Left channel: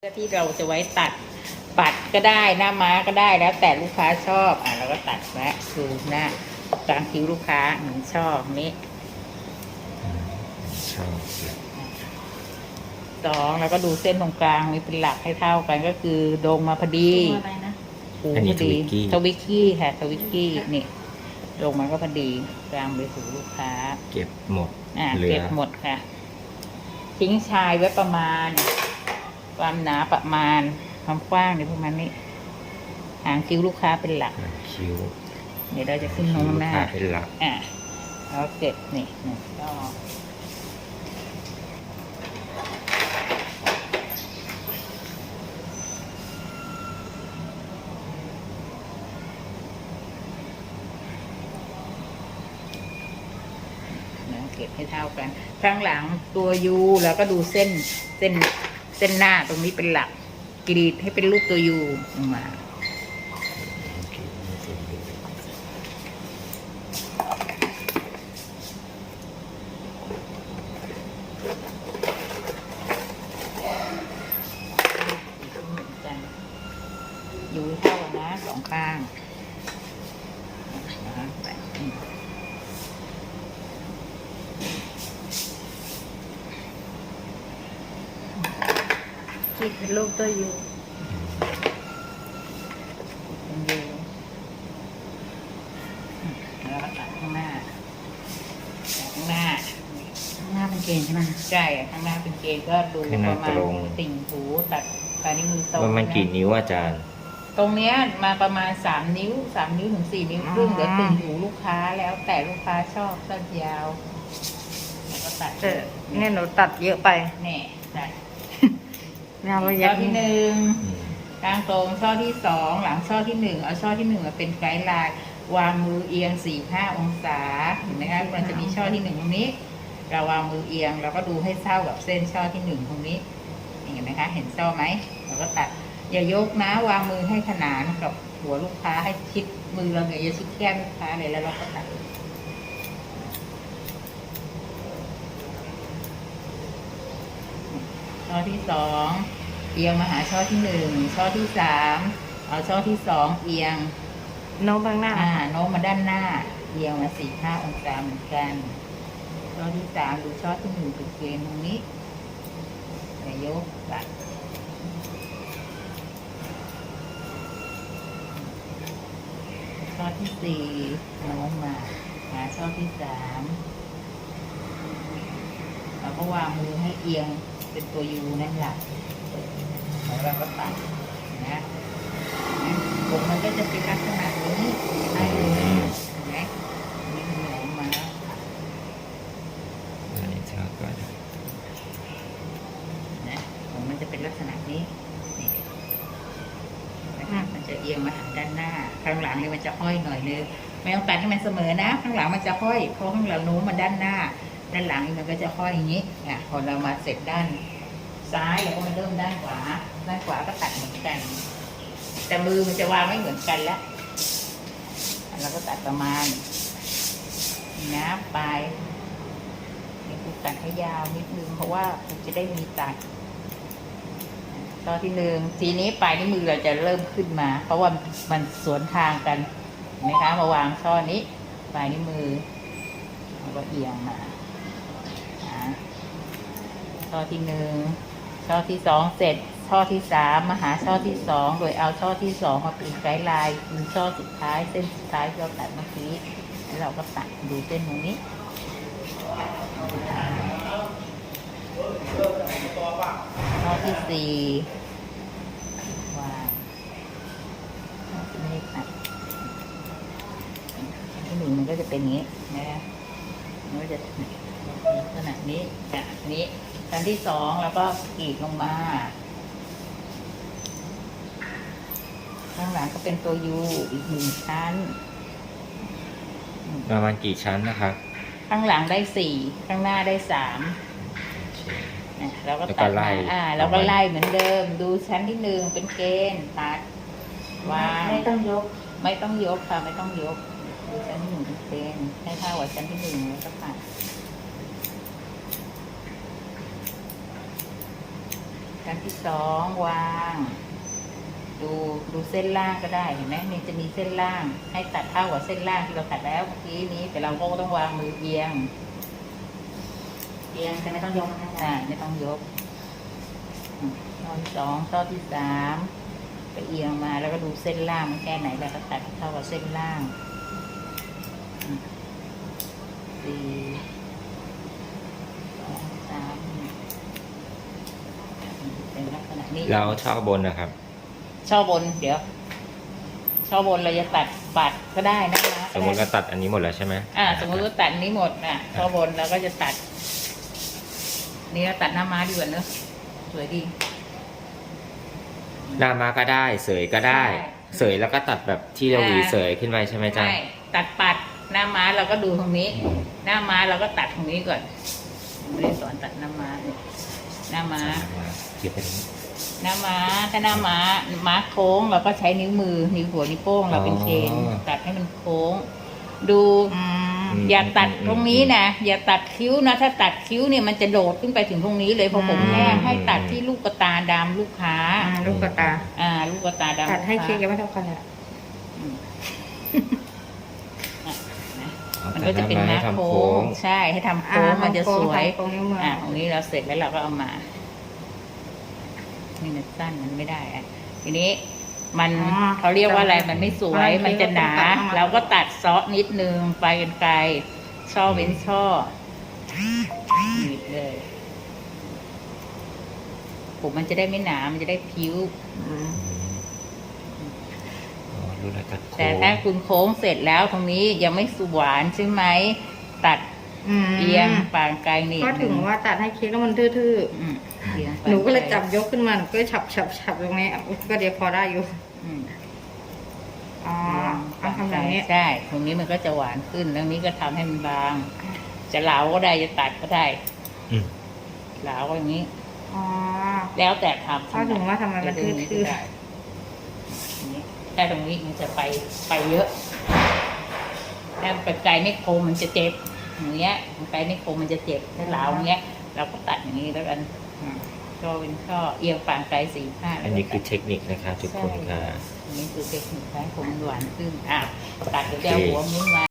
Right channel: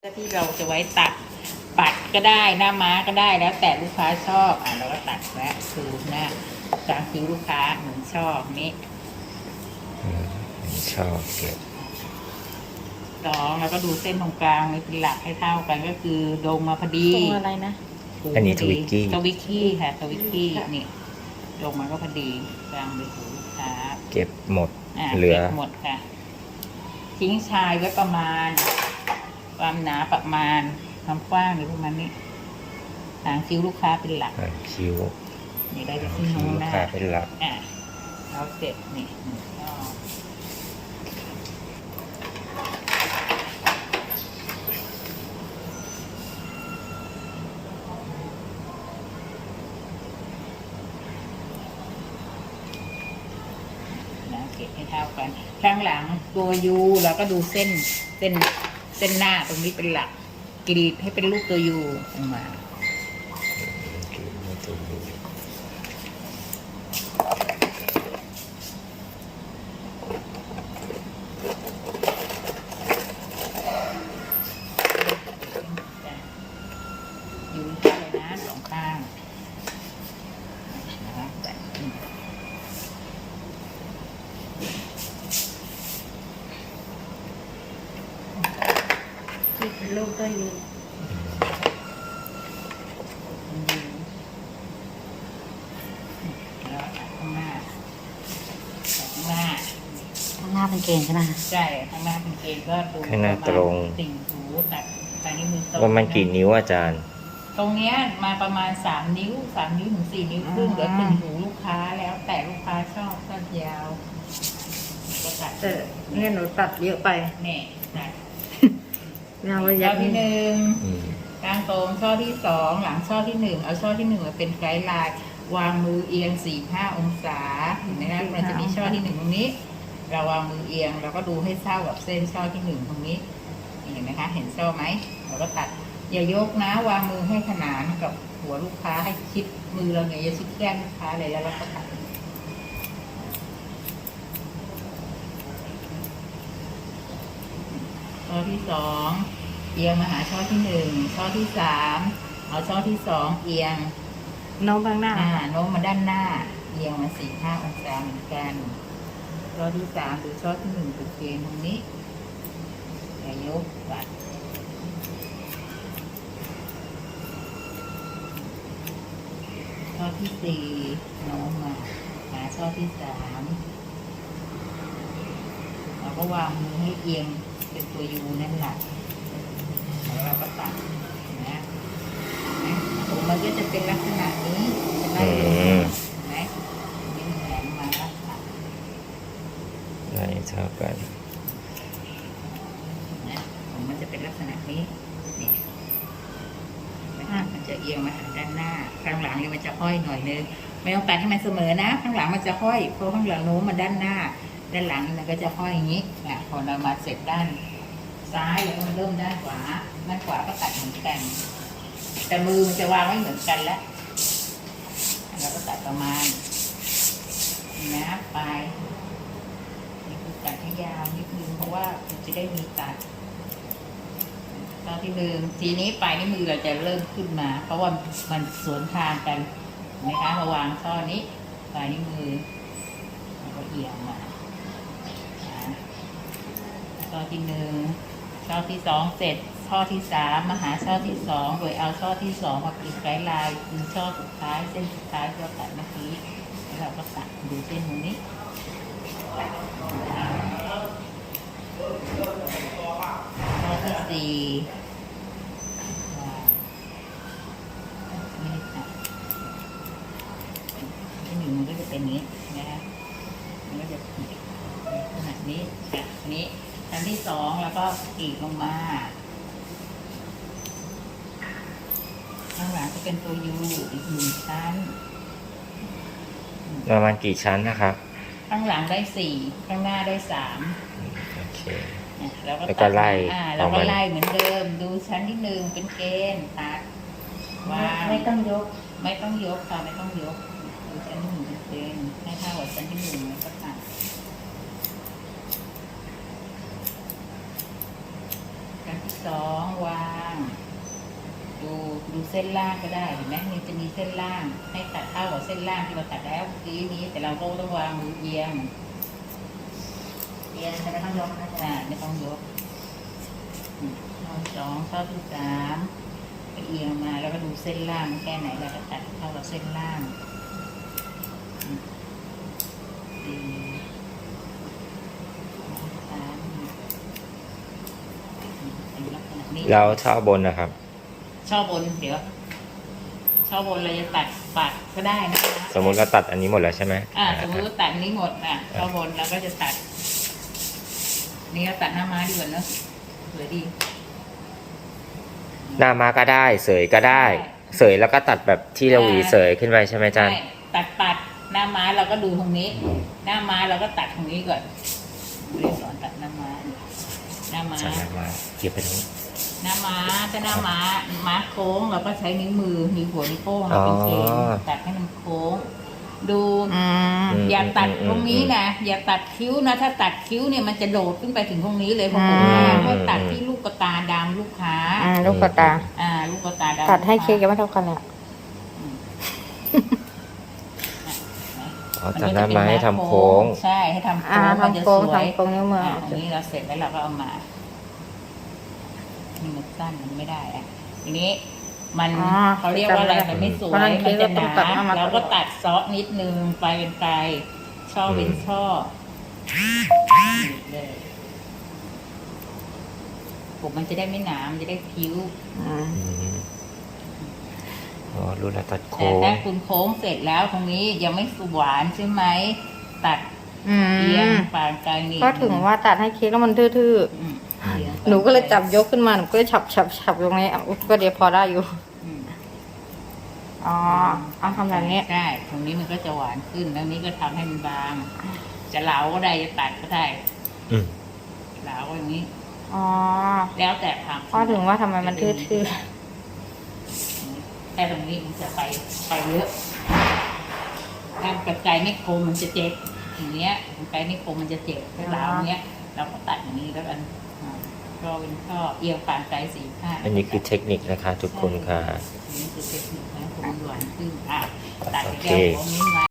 ที่เราจะไว้ตัดปัดก็ได้หน้าม้าก็ได้แล้วแต่ลูกค้าชอบอะเราก็ตัดแวะคือหน้ากลางคิ้วลูกค้าเหมือนชอบนี้อืมชอบเลยสองแล้วก็ดูเส้นตรงกลางนี่เป็นหลักให้เท่ากันก็คือโดงมาพอดีตรงอะไรนะหูอันนี้พทดีวิกกี้ทวิกกี้ค่ะทวิกกี้ค่ะนี่โดงมาก็พอดีกลางไปหูลูกค้า เก็บหมดอะเหลือเก็บหมดค่ะทิ้งชายไว้ประมาณ ความหนาประมาณ ความกว้างหรือประมาณนี้หางคิ้วลูกค้าเป็นหลักหางคิ้ว เดี๋ยวเราจะขึ้นคิ้โน้วมลูหกน้าค้าเป็นหลัก อะแล้วเสร็จนี่หนึ่งก็นะเก็บให้เท่ากัน ข้างหลังตัวยูแล้วก็ดูเส้นเส้น เส้นหน้าตรงนี้เป็นหลักกรีดให้เป็นรูปตัวยูออกมา คิ้วไม่ถึงดู อยู่เท่านะสองข้างนะคะแบบนี้ คิดเป็นรูปตัวยูเป็นดูแล้วก็ตัดข้างหน้าตัดข้างหน้า ข้างหน้าเป็นเกงใช่ไหมใช่ข้างหน้าเป็นเกณฑ์ก็ดูข้างหน้าประตมาณรงติ่งหูตัดปลายนิ้วมือตรงว่ามันกี่ะนิ้วอาจารย์ ตรงเนี้ยมาประมาณสามนิ้วสามนิ้วถึงสี่นิ้วครึ่งเดี๋ยวติ่งหูลูกค้าแล้วแต่ลูกค้าชอบสั้นยาวแล้วก็ตัดเออเนี่ยหนูตัดเยอะไป แน่ตัดไม่ เอาไปช่ยัอกที่หนึ่งอืมกลางตรงช่อที่สองหลังช่อที่หนึ่งเอาช่อที่หนึ่งมาเป็นไกด์ไลน์วางมือเอียงสี่ห้าองศาเห็นไหมคะมันจะมีช่อที่หนึ่งตรงนี้ เราวางมือเอียงเราก็ดูให้เท่ากับเส้นช่อที่หนึ่งตรงนี้เห็นไหมคะ เห็นช่อไหมเราก็ตัดอย่ายกนะ วางมือให้ขนานกับหัวลูกค้าให้ชิดมือเราเนี่ยอย่าชิดแก้มลูกค้าเลยแล้วเราก็ตัด ช่อที่สองเอียงมาหาช่อที่หนึ่งช่อที่สามเอาช่อที่สองเอียงโน้มข้างหน้า อ่าโน้มมาด้านหน้า เอียงมาสี่ห้าองศาเหมือนกันช่อที่สามดูช่อที่หนึ่งเป็นเกณฑ์ตรงนี้อย่ายกตัดช่อที่สี่โน้มมาหาช่อที่สามเรา ก็วางมือให้เอียงเป็นตัวยูนั่นแหละแล้วเราก็ตัดนะนะผมมันก็จะเป็นลักษณะนี้จะไล่ลงอืมเห็นไหมนี่มันแหลมมาตัดได้เท่ากันนะผมมันจะเป็นลักษณะนี้นี่นะคะมันจะเอียงมาหาด้านหน้า ข้างหลังนี่มันจะห้อยหน่อยนึงไม่ต้องตัดให้มันเสมอนะ ข้างหลังมันจะห้อยเพราะข้างหลังโน้มมาด้านหน้า ด้านหลังมันก็จะห้อยอย่างนี้อะพอเรามาเสร็จด้านซ้ายเดี๋ยวก็มาเริ่มด้านขวา ด้านขวาก็ตัดเหมือนกัน แต่มือมันจะวางไม่เหมือนกันแล้วเราก็ตัดประมาณนี้นะปลายตัดให้ยาวนิดนึงเพราะว่าจะได้มีตัดตอนที่หนึ่งทีนี้ปลายนิ้วมือเราจะเริ่มขึ้นมา เพราะว่ามันสวนทางกันนไหมคะมาวางช่อนี้ปลายนิ้วมือแล้วก็เอียงมา ช่อที่หนึ่งช่อที่สองเสร็จช่อที่สามมาหาช่อที่สองโดยเอาช่อที่สองมาป็นไกด์ไลน์คือช่อสุดท้ายเส้นสุดท้ายที่เราตัดเมื่อกี้แล้วเราก็ตัดดูเส้นตรงนี้ข้อที่สี่วางไม่ได้ตัดที่หนึ่งมันก็จะเป็นอย่างนี้นะมันก็จะลักษณะนี้นี้ ชั้นที่สองแล้วก็กรีดลงมาข้างหลังก็เป็นตัวยูอีกหนึ่งชั้น ประมาณกี่ชั้นนะครับ ข้างหลังได้สี่ข้างหน้าได้สามโอเคนะแล้วก็แล้วก็ไล่ตัดมาอ่าแล้วก็เอาไว้ไล่เหมือนเดิม ดูชั้นที่หนึ่งเป็นเกณฑ์ตัดวางไม่ต้องยก ไม่ต้องยกค่ะไม่ต้องยกดูชั้นที่หนึ่งเป็นเกณฑ์ให้เท่ากับชั้นที่หนึ่งแล้วก็ตัดชั้น ที่ที่สองวาง ดูดูเส้นล่างก็ได้เห็นไหมนี่จะมีเส้นล่าง ให้ตัดเท่ากับเส้นล่างที่เราตัดแล้วเมื่อกี้นี้ แต่เราก็ต้องวางมือเอียงเรียนจะไม่ต้องยกนะอ่าไม่ต้องยกอืมข้อที่สองข้อที่สามก็เอียงมาแล้วก็ดูเส้นล่างมันแค่ไหนเราก็ตัดเท่ากับเส้นล่างอืมสี่สองสามอืมเป็ นลักษณะนี้เราชอบบนนะครับช่อบนเดี๋ยวช่อบนเราจะตัดปัดก็ได้นะคะสมมุติเราตัดอันนี้หมดแล้วใช่ไหมอ่าสมมติว่าตัดนี้หมดอะช่อบนเราก็จะตัด นี่เราตัดหน้าม้าดีกว่าเนอะสวยดีหน้ามาก็ได้ เสยก็ได้ใช่เสยแล้วก็ตัดแบบที่เราหวีใช่เสยขึ้นไปใช่ไหมอาจารย์ใช่ตัดปัดหน้าม้าเราก็ดูตรงนี้ หน้าม้าเราก็ตัดตรงนี้ก่อนไม่ได้สอนตัดหน้าม้าเนี่ยหน้าม้าสายมาเกี่ยวไปตรงนี้ หน้าม้าถ้าหน้าม้าม้าโค้งเราก็ใช้นิ้วมือนิ้วหัวนิ้วโป้งเราเป็นเชนอ๋อตัดให้มันโค้ง ดูอืมมอย่าตัดอืมตรงนี้นะอย่าตัดคิ้วนะ ถ้าตัดคิ้วเนี่ยมันจะโดดขึ้นไปถึงตรงนี้เลยเพราะผมอืมแห้งให้ตัดที่ลูกกระตาดำลูกค้า อ่าลูกกระตา อ่า ลูกกระตาดำตัดให้ลูเค้กค้ายังไม่เท่ากันเลยอะอืมอะนะอ๋อมันตัดก็หจะน้าเป็นไม้หน้าทำโค้โค้งงใช่ให้ทำอ่าโค้งมันจะทำโค้สงวยทำโค้งนิ้วมืออ่าตรงนี้เราเสร็จแล้วเราก็เอามา นี่มันสั้นมันไม่ได้อะทีนี้มันอ๋อเขาเรียกว่าอะไรมันไม่สวยเพราะฉะนั้นมันจะหนาเค้กก็ต้องตัดออกมา เราก็ตัดเซาะนิดนึงไปเป็นไกลช่อเว้นช่อหนีบเลยผมมันจะได้ไม่หนา มันจะได้พิ้วอืมอืมอ๋อรู้แล้วตัดแต่โค้งถ้าคุณโค้งเสร็จแล้วตรงนี้ยังไม่สหวานใช่ไหม ตัดอืมเอียงปานไกลนี่ก็ถึงว่าตัดให้เค้กแล้วมันทื่ออืมเอียงปาๆ หนูก็เลยไจับยกขึ้นมาหนูก็เลยฉับฉับฉับตรงนี้เอาก็เดี๋ยวพอได้อยู่อืมอ๋อเอาทำแบบนี้ใช่ตรงนี้มันก็จะหวานขึ้นตรงนี้ก็ทำให้มันบาง จะเหลาก็ได้จะตัดก็ได้อืม เหลาอย่างนี้ อ๋อ แล้วแต่ทำก็ถึงว่าทำไมมันทื่อแค่ตรงนี้มันจะไปไปเยอะ ถ้าปัจจัยไม่คมมันจะเจ็บอย่างเงี้ยปัจจัยไม่คมมันจะเจ็บถ้าเหลาอย่างเงี้ย เราก็ตัดอย่างนี้แล้วกัน อ่าก็เป็นข้อเอียงปานไกลสี่ห้าอันนี้คือเทคนิคนะคะ ทุกคนค่ะ อันนี้คือเทคนิคให้ผมหวานขึ้นอะตัดไปโอเคแก้วหัวมิ้นมา